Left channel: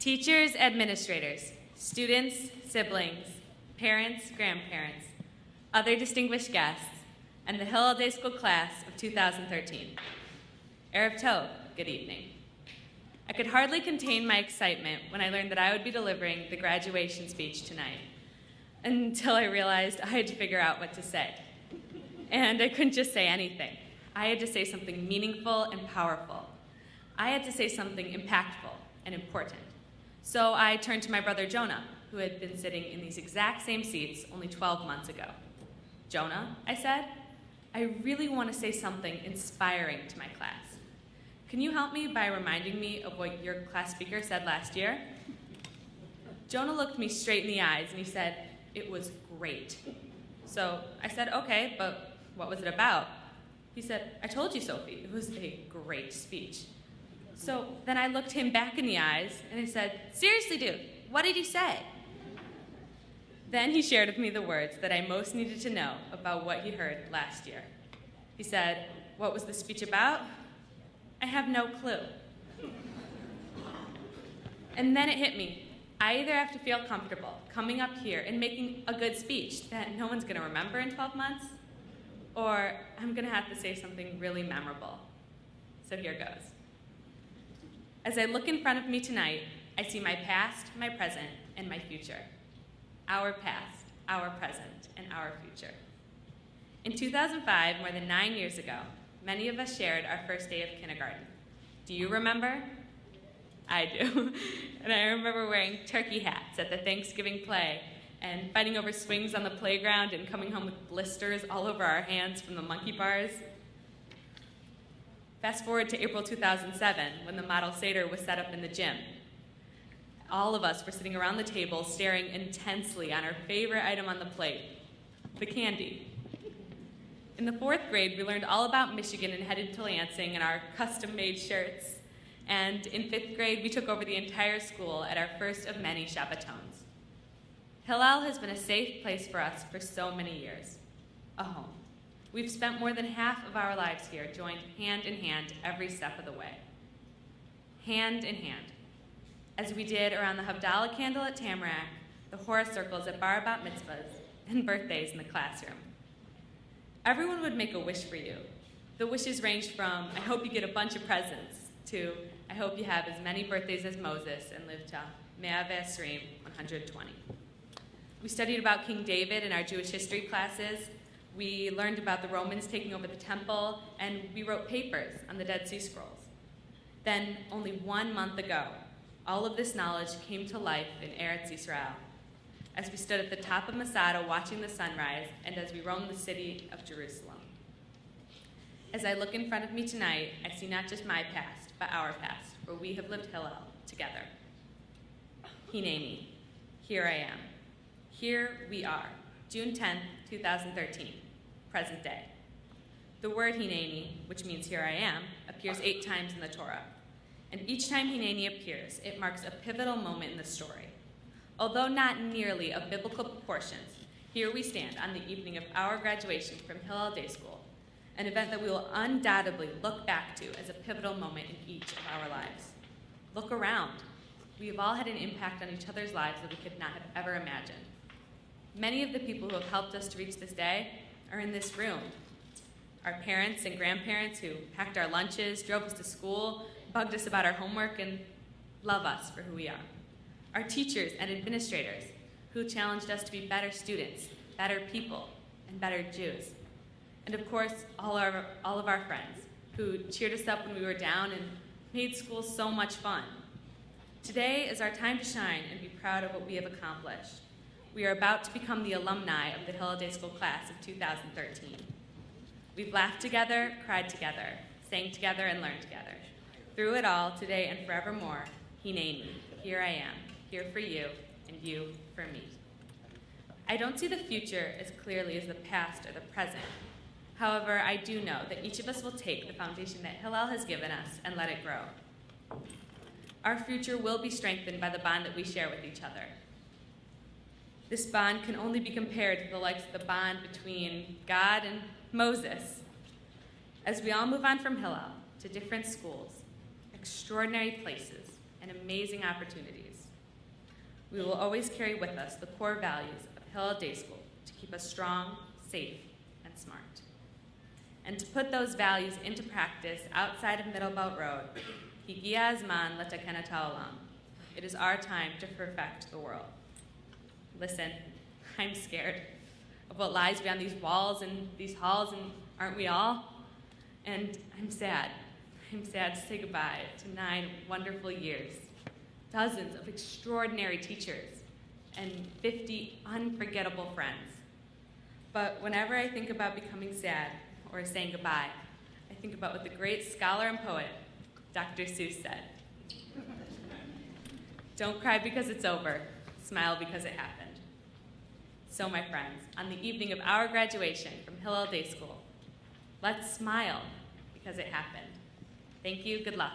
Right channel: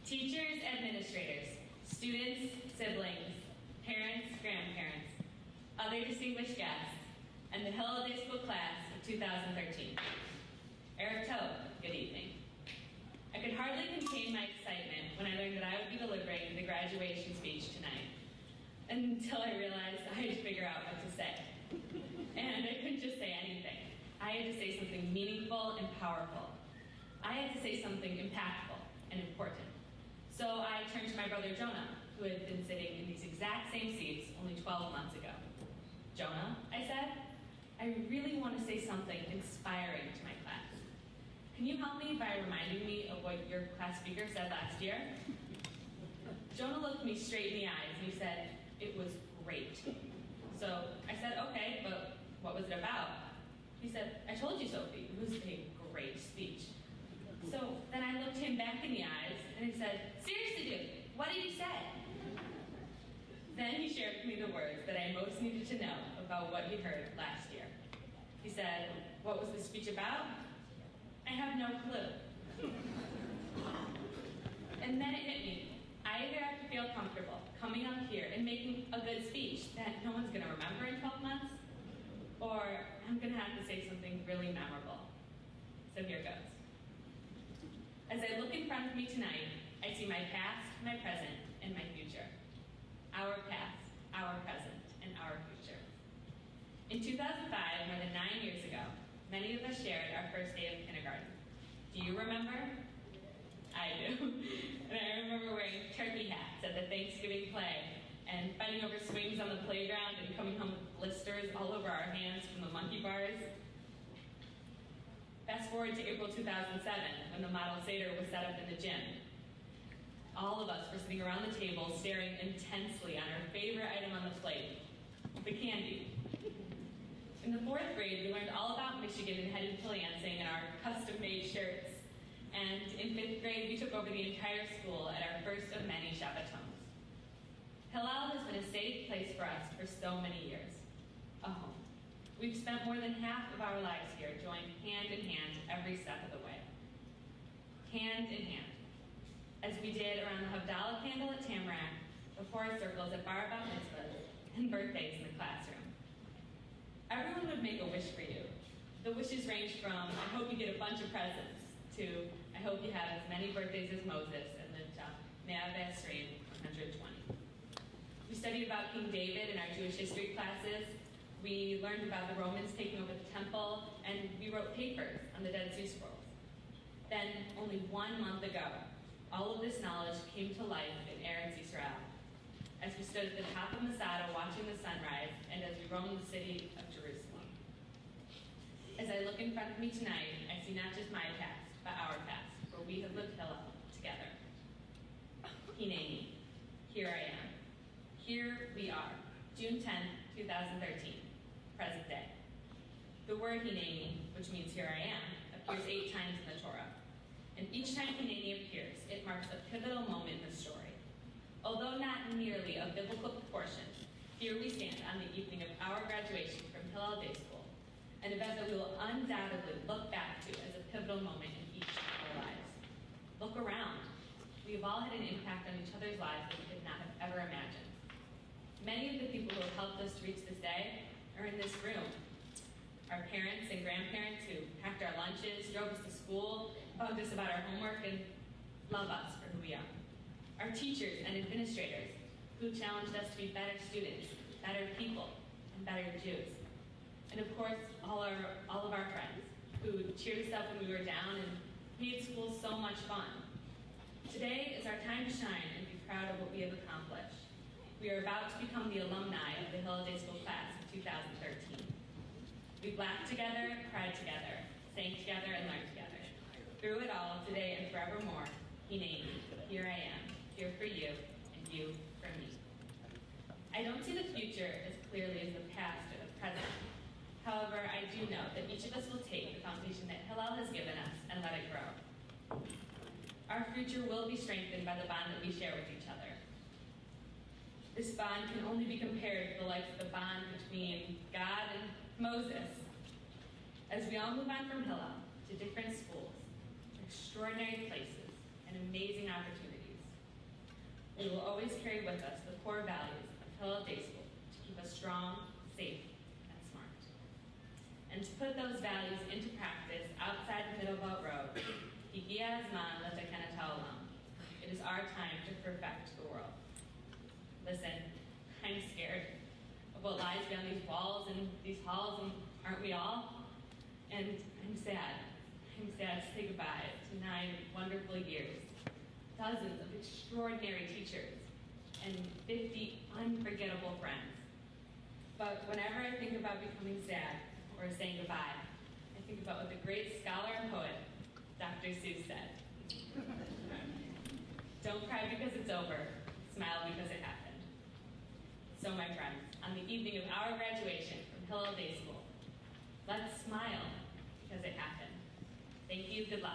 Teachers, administrators, students, siblings, parents, grandparents, other distinguished guests, and the Hillel Day School class of 2013. Erev Tov, good evening. I could hardly contain my excitement when I learned that I would be delivering the graduation speech tonight, until I realized I had to figure out what to say. And I couldn't just say anything. I had to say something meaningful and powerful. I had to say something impactful and important. So I turned to my brother Jonah, who had been sitting in these exact same seats only 12 months ago. Jonah, I said, I really want to say something inspiring to my class. Can you help me by reminding me of what your class speaker said last year? Jonah looked me straight in the eyes and he said, it was great. So I said, okay, but what was it about? He said, I told you, Sophie, it was a great speech. So then I looked him back in the eyes and I said, seriously, dude, what did he say? Then he shared with me the words that I most needed to know about what he heard last year. He said, what was the speech about? I have no clue. And then it hit me. I either have to feel comfortable coming up here and making a good speech that no one's going to remember in 12 months, or I'm going to have to say something really memorable. So here goes. As I look in front of me tonight, I see my past, my present, and my future. Our past, our present, and our future. In 2005, more than 9 years ago, many of us shared our first day of kindergarten. Do you remember? I do. And I remember wearing turkey hats at the Thanksgiving play and fighting over swings on the playground and coming home with blisters all over our hands from the monkey bars. Fast forward to April 2007, when the model Seder was set up in the gym. All of us were sitting around the table staring intensely on our favorite item on the plate, the candy. In the 4th grade, we learned all about Michigan and headed to Lansing in our custom-made shirts. And in 5th grade, we took over the entire school at our first of many Shabbatons. Hillel has been a safe place for us for so many years, a home. We've spent more than half of our lives here, joined hand in hand every step of the way. Hand in hand. As we did around the Havdalah candle at Tamarack, the Hora circles at bar bat mitzvahs, and birthdays in the classroom. Everyone would make a wish for you. The wishes ranged from, I hope you get a bunch of presents, to, I hope you have as many birthdays as Moses and live to 120. We studied about King David in our Jewish history classes. We learned about the Romans taking over the temple, and we wrote papers on the Dead Sea Scrolls. Then, only 1 month ago, all of this knowledge came to life in Eretz Yisrael, as we stood at the top of Masada watching the sunrise, and as we roamed the city of Jerusalem. As I look in front of me tonight, I see not just my past, but our past, where we have lived Hillel together. Hineni, here I am. Here we are, June 10th, 2013, present day. The word Hineni, which means here I am, appears 8 times in the Torah. And each time Hineni appears, it marks a pivotal moment in the story. Although not nearly of biblical proportions, here we stand on the evening of our graduation from Hillel Day School, an event that we will undoubtedly look back to as a pivotal moment in each of our lives. Look around. We've all had an impact on each other's lives that we could not have ever imagined. Many of the people who have helped us to reach this day are in this room. Our parents and grandparents who packed our lunches, drove us to school, bugged us about our homework, and love us for who we are. Our teachers and administrators who challenged us to be better students, better people, and better Jews. And of course, all of our friends who cheered us up when we were down and made school so much fun. Today is our time to shine and be proud of what we have accomplished. We are about to become the alumni of the Hillel Day School class of 2013. We've laughed together, cried together, sang together, and learned together. Through it all, today and forevermore, Hineni, here I am, here for you, and you for me. I don't see the future as clearly as the past or the present. However, I do know that each of us will take the foundation that Hillel has given us and let it grow. Our future will be strengthened by the bond that we share with each other. This bond can only be compared to the likes of the bond between God and Moses. As we all move on from Hillel to different schools, extraordinary places, and amazing opportunities, We will always carry with us the core values of Hillel Day School to keep us strong, safe, and smart. And to put those values into practice outside of Middlebelt Road, Higia Azman Latakena Ta'olam. It is our time to perfect the world. Listen, I'm scared of what lies beyond these walls and these halls, and aren't we all? And I'm sad. I'm sad to say goodbye to 9 wonderful years, dozens of extraordinary teachers, and 50 unforgettable friends. But whenever I think about becoming sad or saying goodbye, I think about what the great scholar and poet, Dr. Seuss, said. Don't cry because it's over, smile because it happened. So my friends, on the evening of our graduation from Hillel Day School, let's smile because it happened. Thank you, good luck.